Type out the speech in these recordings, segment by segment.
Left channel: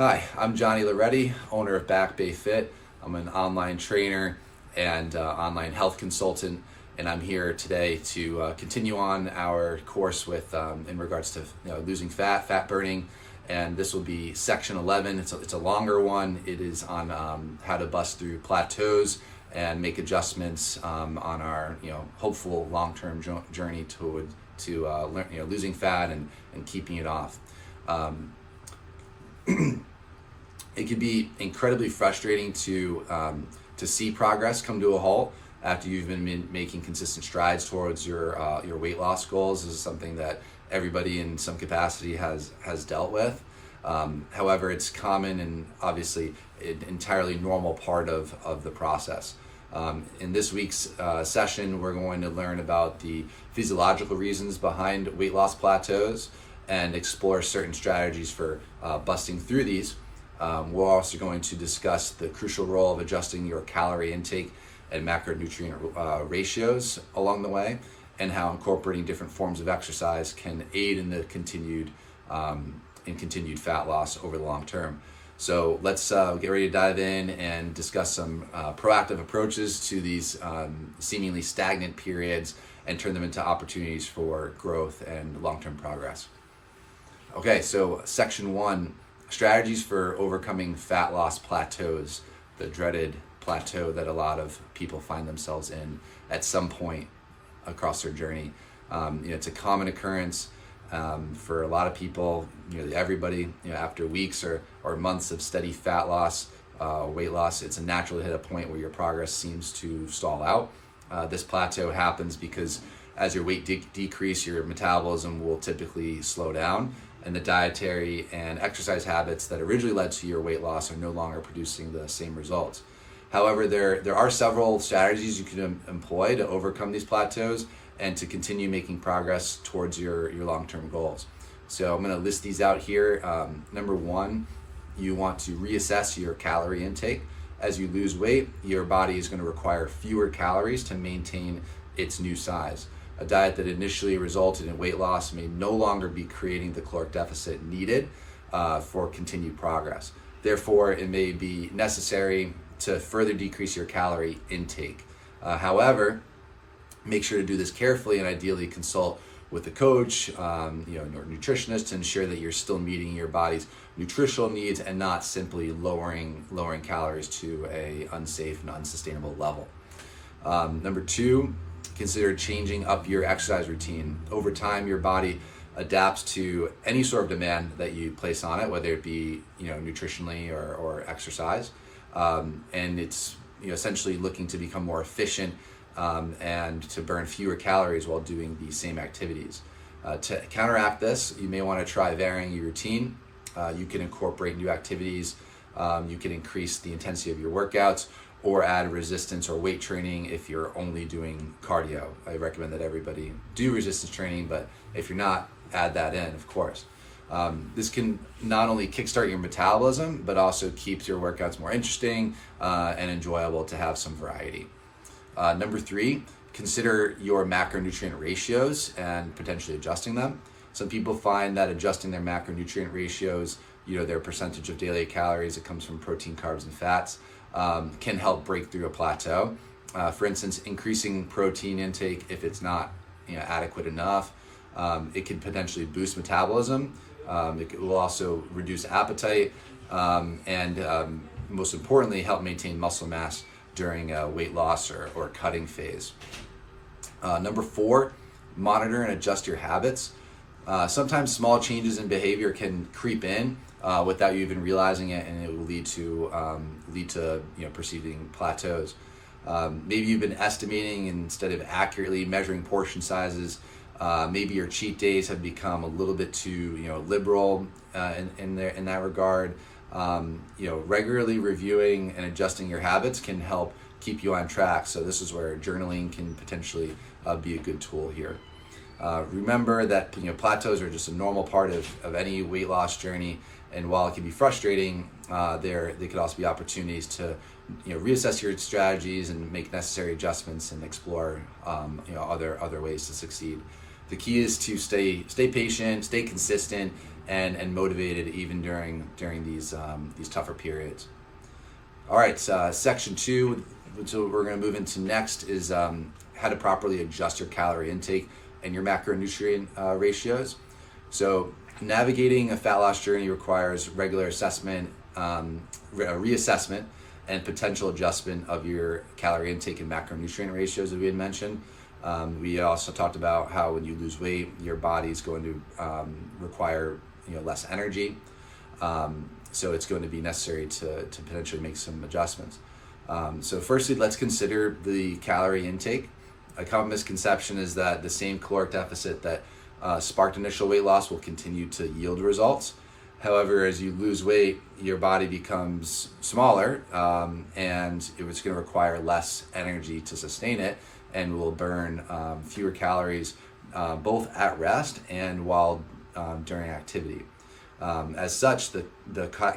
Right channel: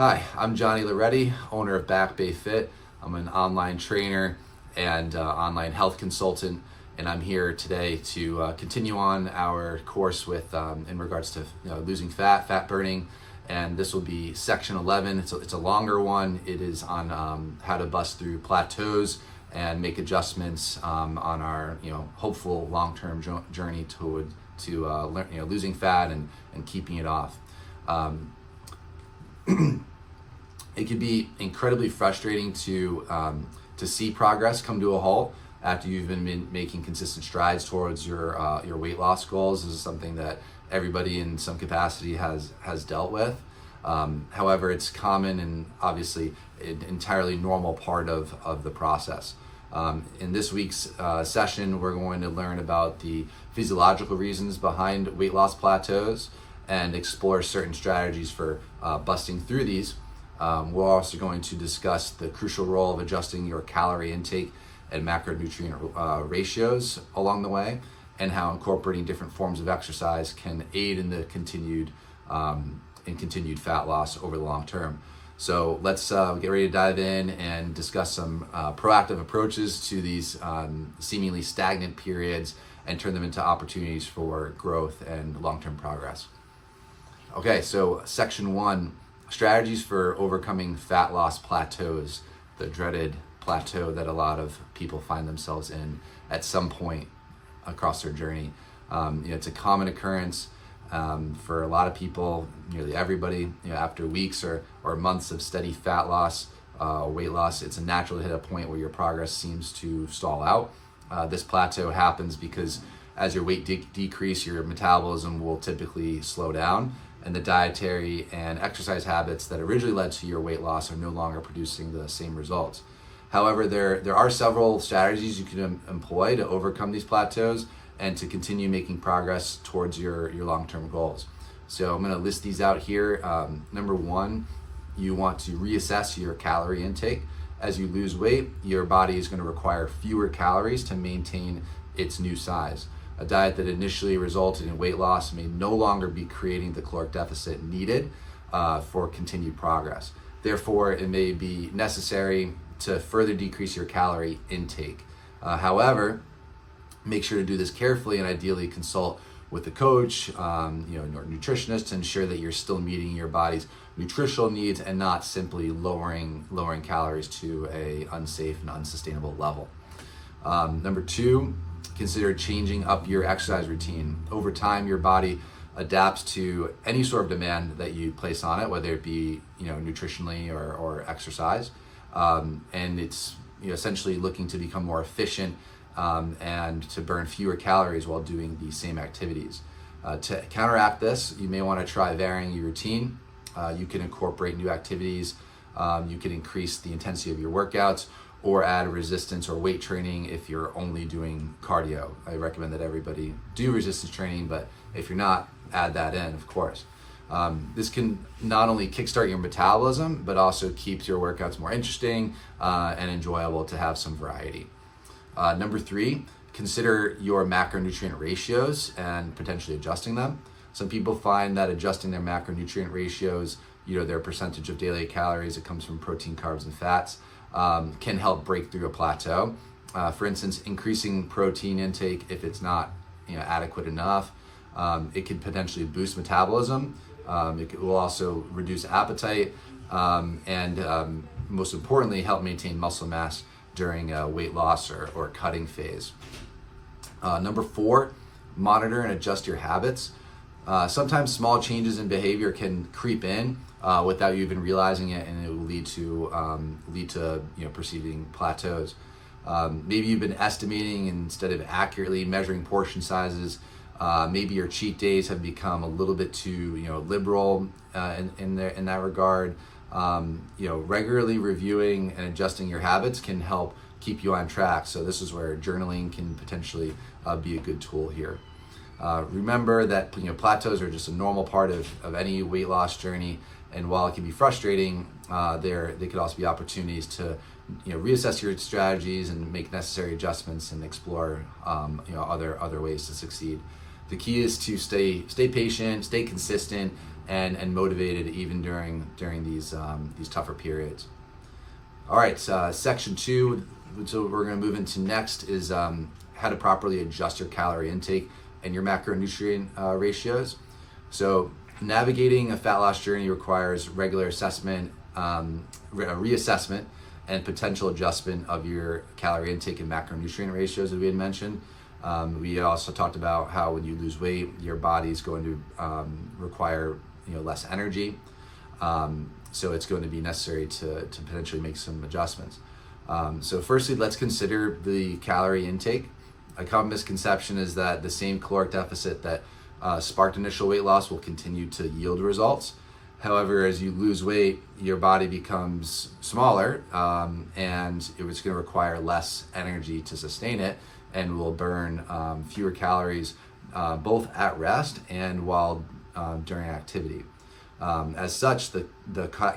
Hi, I'm Johnny Loretti, owner of Back Bay Fit. I'm an online trainer and online health consultant, and I'm here today to continue on our course with in regards to losing fat burning, and this will be section 11. It's a longer one. It is on how to bust through plateaus and make adjustments on our hopeful long-term journey to losing fat and keeping it off. It can be incredibly frustrating to see progress come to a halt after you've been making consistent strides towards your weight loss goals. This is something that everybody in some capacity has dealt with. However, it's common and obviously an entirely normal part of the process. In this week's session, we're going to learn about the physiological reasons behind weight loss plateaus and explore certain strategies for busting through these. We're also going to discuss the crucial role of adjusting your calorie intake and macronutrient ratios along the way, and how incorporating different forms of exercise can aid in the continued fat loss over the long term. So let's get ready to dive in and discuss some proactive approaches to these seemingly stagnant periods and turn them into opportunities for growth and long-term progress. Okay, so section 1. Strategies for overcoming fat loss plateaus, the dreaded plateau that a lot of people find themselves in at some point across their journey. It's a common occurrence for a lot of people, nearly everybody. After weeks or months of steady fat loss, weight loss, it's a natural to hit a point where your progress seems to stall out. This plateau happens because as your weight decrease, your metabolism will typically slow down, and the dietary and exercise habits that originally led to your weight loss are no longer producing the same results. However, there are several strategies you can employ to overcome these plateaus and to continue making progress towards your long-term goals. So I'm going to list these out here. Number 1, you want to reassess your calorie intake. As you lose weight, your body is going to require fewer calories to maintain its new size. A diet that initially resulted in weight loss may no longer be creating the caloric deficit needed for continued progress. Therefore, it may be necessary to further decrease your calorie intake. However, make sure to do this carefully and ideally consult with a coach, or nutritionist, to ensure that you're still meeting your body's nutritional needs and not simply lowering calories to a unsafe and unsustainable level. Number 2, consider changing up your exercise routine. Over time, your body adapts to any sort of demand that you place on it, whether it be nutritionally or exercise, and it's essentially looking to become more efficient and to burn fewer calories while doing the same activities. To counteract this, you may want to try varying your routine. You can incorporate new activities. You can increase the intensity of your workouts, or add resistance or weight training if you're only doing cardio. I recommend that everybody do resistance training, but if you're not, add that in, of course. This can not only kickstart your metabolism, but also keeps your workouts more interesting and enjoyable to have some variety. Number 3, consider your macronutrient ratios and potentially adjusting them. Some people find that adjusting their macronutrient ratios, their percentage of daily calories that comes from protein, carbs, and fats, can help break through a plateau. For instance, increasing protein intake, if it's not adequate enough, it could potentially boost metabolism. It will also reduce appetite and most importantly, help maintain muscle mass during a weight loss or cutting phase. Number 4, monitor and adjust your habits. Sometimes small changes in behavior can creep in without you even realizing it, and it will lead to preceding plateaus. Maybe you've been estimating instead of accurately measuring portion sizes. Maybe your cheat days have become a little bit too liberal in that regard. Regularly reviewing and adjusting your habits can help keep you on track. So this is where journaling can potentially be a good tool here. Remember that plateaus are just a normal part of any weight loss journey, and while it can be frustrating, they could also be opportunities to reassess your strategies and make necessary adjustments and explore other ways to succeed. The key is to stay patient, stay consistent, and motivated even during these tougher periods. All right, section 2, so what we're going to move into next is how to properly adjust your calorie intake and your macronutrient ratios. So navigating a fat loss journey requires regular assessment, reassessment, and potential adjustment of your calorie intake and macronutrient ratios, as we had mentioned. We also talked about how when you lose weight, your body's going to require less energy. So it's going to be necessary to potentially make some adjustments. So firstly, let's consider the calorie intake. A common misconception is that the same caloric deficit that sparked initial weight loss will continue to yield results. However, as you lose weight, your body becomes smaller, and it was going to require less energy to sustain it, and will burn fewer calories both at rest and while during activity. As such, the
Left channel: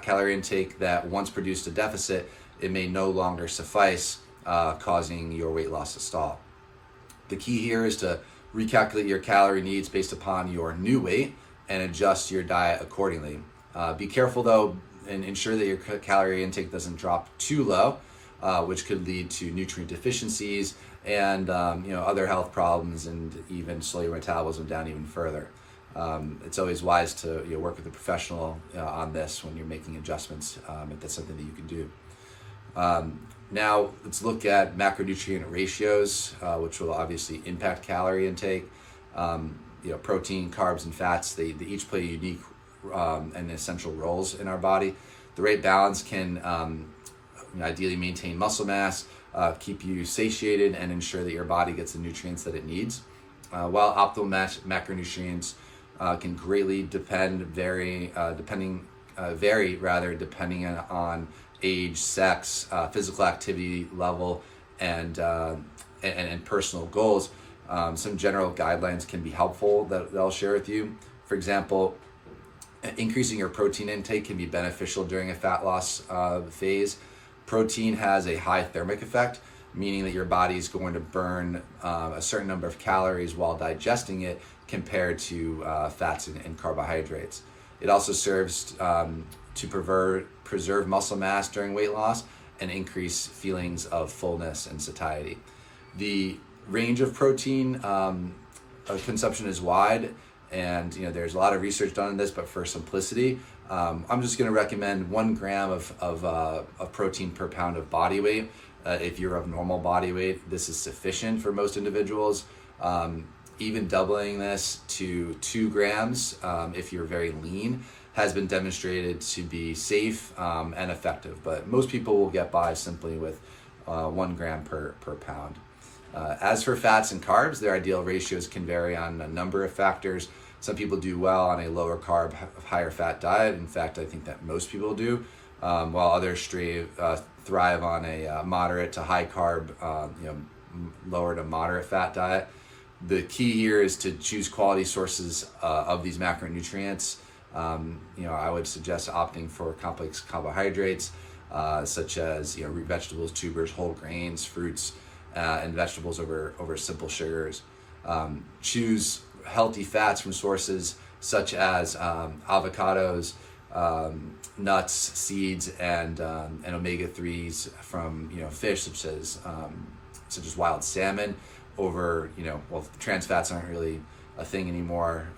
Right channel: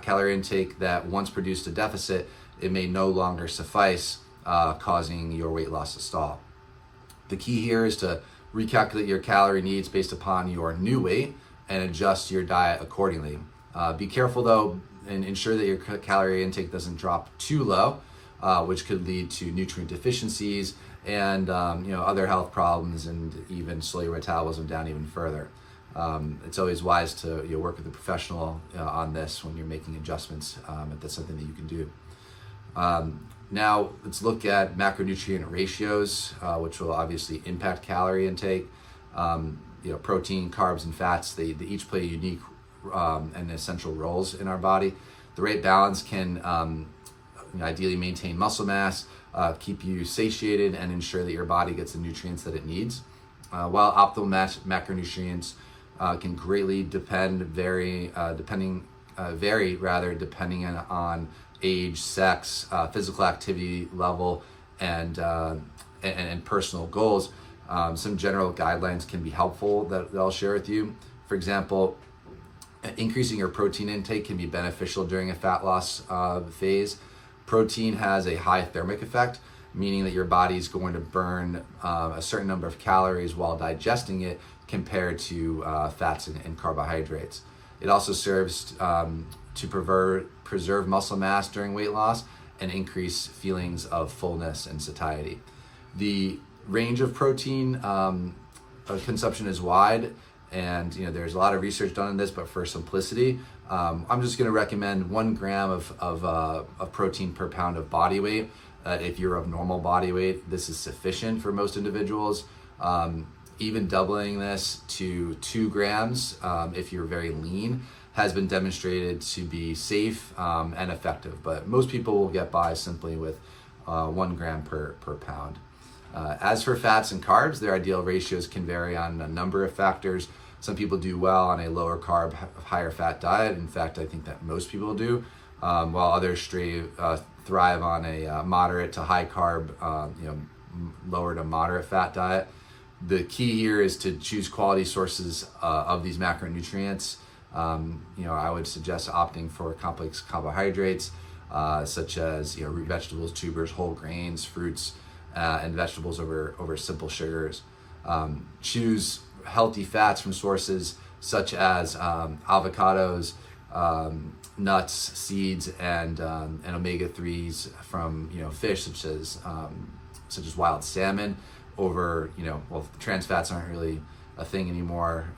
calorie intake that once produced a deficit, it may no longer suffice, causing your weight loss to stall. The key here is to recalculate your calorie needs based upon your new weight and adjust your diet accordingly. Be careful though, and ensure that your calorie intake doesn't drop too low, which could lead to nutrient deficiencies and other health problems, and even slow your metabolism down even further. It's always wise to work with a professional on this when you're making adjustments, if that's something that you can do. Now let's look at macronutrient ratios, which will obviously impact calorie intake. Protein, carbs, and fats, they each play unique and essential roles in our body. The right balance can ideally maintain muscle mass, keep you satiated, and ensure that your body gets the nutrients that it needs. While optimal macronutrients can greatly vary depending on age, sex, physical activity level, and personal goals. Some general guidelines can be helpful that I'll share with you. For example, increasing your protein intake can be beneficial during a fat loss phase. Protein has a high thermic effect, meaning that your body is going to burn a certain number of calories while digesting it compared to fats and carbohydrates. It also serves to preserve muscle mass during weight loss and increase feelings of fullness and satiety. The range of protein consumption is wide, and there's a lot of research done on this, but for simplicity, I'm just going to recommend 1 gram of protein per pound of body weight. If you're of normal body weight, this is sufficient for most individuals. Even doubling this to 2 grams, if you're very lean, has been demonstrated to be safe and effective. But most people will get by simply with 1 gram per pound. As for fats and carbs, their ideal ratios can vary on a number of factors. Some people do well on a lower carb, higher fat diet. In fact, I think that most people do, while others thrive on a moderate to high carb, lower to moderate fat diet. The key here is to choose quality sources of these macronutrients. I would suggest opting for complex carbohydrates, such as root vegetables, tubers, whole grains, fruits, and vegetables over simple sugars. Choose healthy fats from sources such as avocados, nuts, seeds, and omega-3s from fish such as wild salmon, over trans fats aren't really a thing anymore,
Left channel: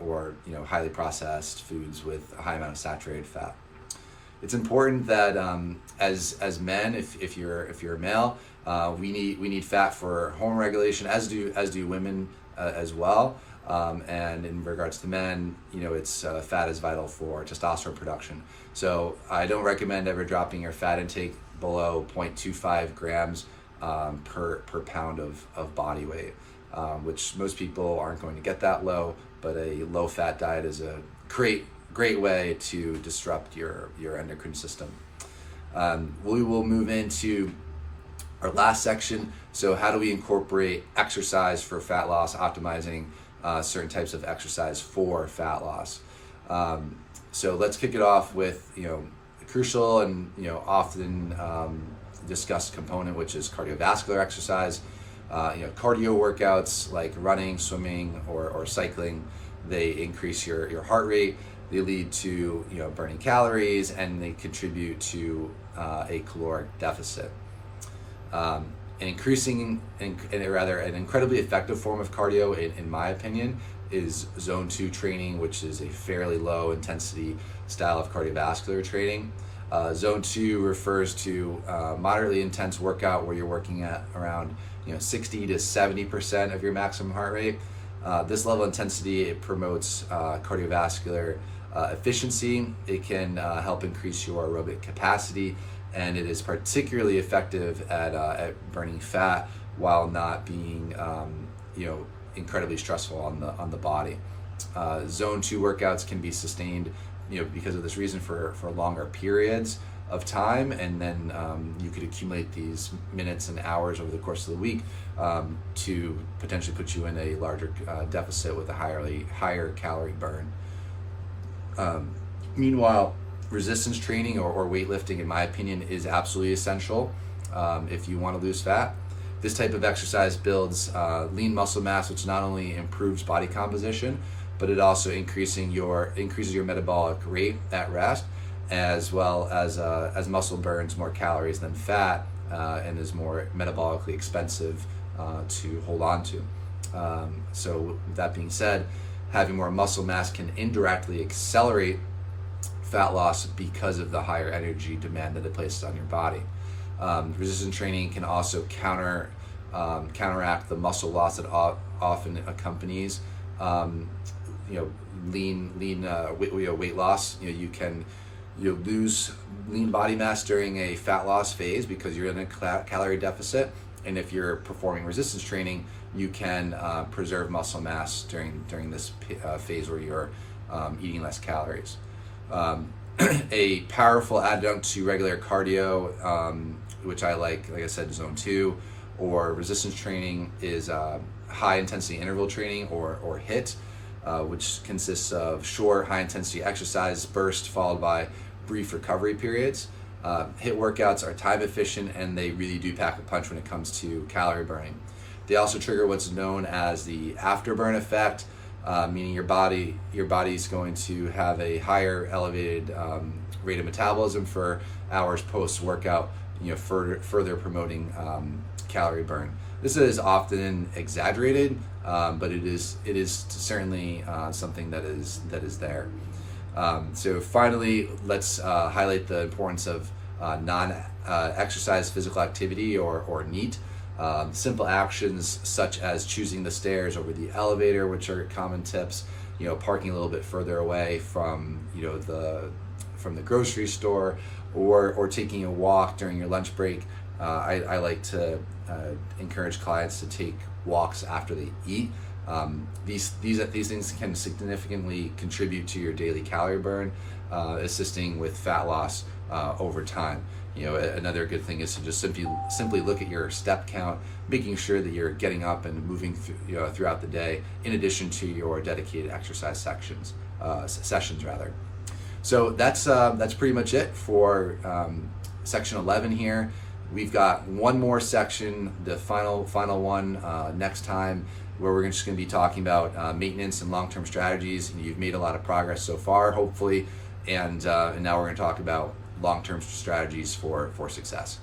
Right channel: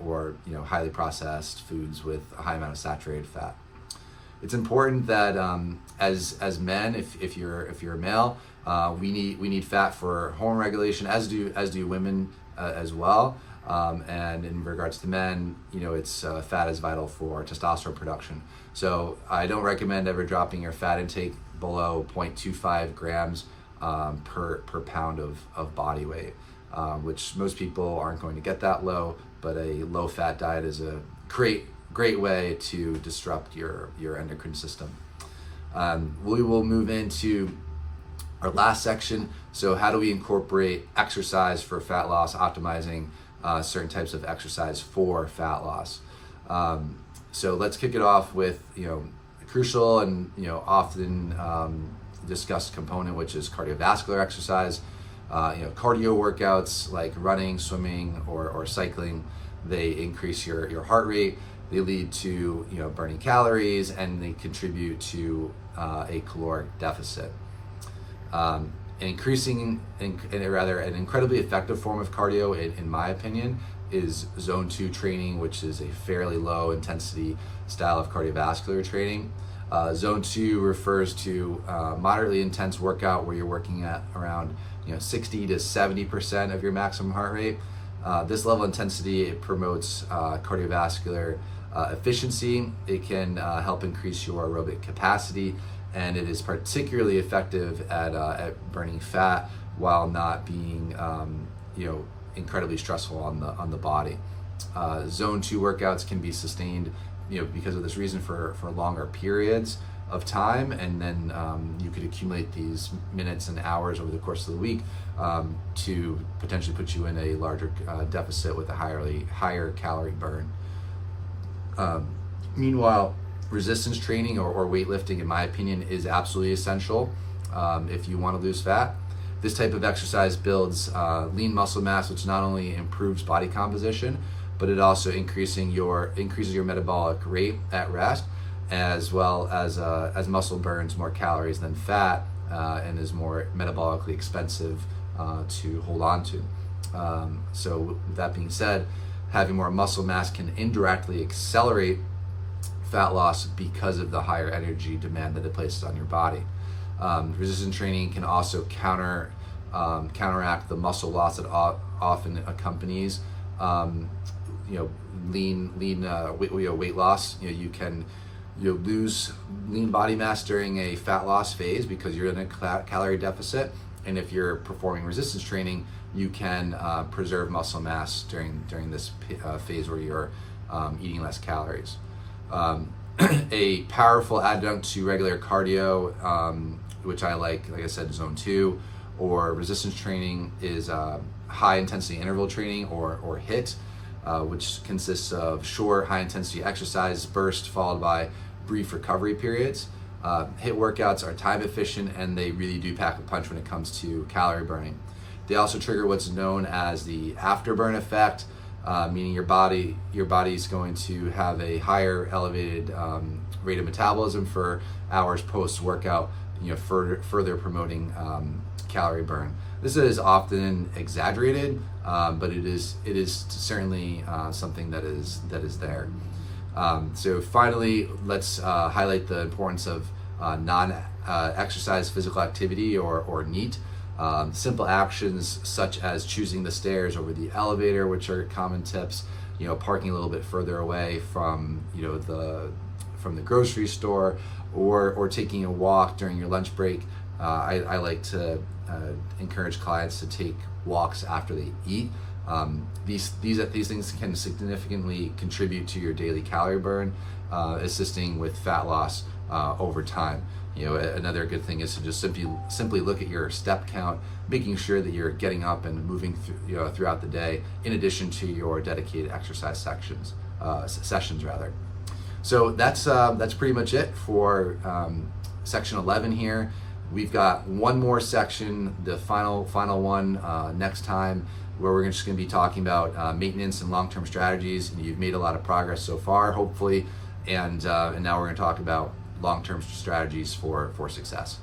or highly processed foods with a high amount of saturated fat. It's important that as men, if you're a male, we need fat for hormone regulation, as do women as well. And in regards to men, it's fat is vital for testosterone production. So I don't recommend ever dropping your fat intake below 0.25 grams per pound of body weight, which most people aren't going to get that low. But a low fat diet is a great way to disrupt your endocrine system. We will move into our last section. So how do we incorporate exercise for fat loss, optimizing certain types of exercise for fat loss? So let's kick it off with a crucial and often discussed component, which is cardiovascular exercise. Cardio workouts like running, swimming, or cycling, they increase your heart rate They lead to burning calories, and they contribute to a caloric deficit. An incredibly effective form of cardio, in my opinion, is zone 2 training, which is a fairly low intensity style of cardiovascular training. Zone 2 refers to moderately intense workout where you're working at around 60 to 70% of your maximum heart rate. This level of intensity, it promotes cardiovascular efficiency. It can help increase your aerobic capacity, and it is particularly effective at burning fat while not being incredibly stressful on the body. Zone 2 workouts can be sustained because of this reason for longer periods of time, and then you could accumulate these minutes and hours over the course of the week to potentially put you in a larger deficit with a higher calorie burn. Meanwhile, resistance training or weightlifting, in my opinion, is absolutely essential if you want to lose fat. This type of exercise builds lean muscle mass, which not only improves body composition, but it also increases your metabolic rate at rest, as well as muscle burns more calories than fat and is more metabolically expensive to hold on to. So with that being said, having more muscle mass can indirectly accelerate fat loss because of the higher energy demand that it places on your body. Resistance training can also counteract the muscle loss that often accompanies weight loss. You can lose lean body mass during a fat loss phase because you're in a calorie deficit, and if you're performing resistance training, you can preserve muscle mass during this phase where you're eating less calories. A powerful adjunct to regular cardio, which I like I said, zone 2 or resistance training, is high intensity interval training or HIIT, which consists of short, high intensity exercise bursts followed by brief recovery periods. HIIT workouts are time efficient, and they really do pack a punch when it comes to calorie burning. They also trigger what's known as the afterburn effect, meaning your body is going to have a higher elevated rate of metabolism for hours post workout, further promoting calorie burn. This is often exaggerated, but it is certainly something that is there. So finally, let's highlight the importance of non-exercise physical activity or NEAT. Simple actions such as choosing the stairs over the elevator, which are common tips. Parking a little bit further away from the grocery store, or taking a walk during your lunch break. I like to encourage clients to take walks after they eat. These things can significantly contribute to your daily calorie burn, assisting with fat loss over time. Another good thing is to just simply look at your step count, making sure that you're getting up and moving throughout the day, in addition to your dedicated exercise sessions. So that's pretty much it for section 11 here. We've got one more section, the final one next time, where we're just going to be talking about maintenance and long-term strategies. And you've made a lot of progress so far, hopefully, and now we're going to talk about long-term strategies for success.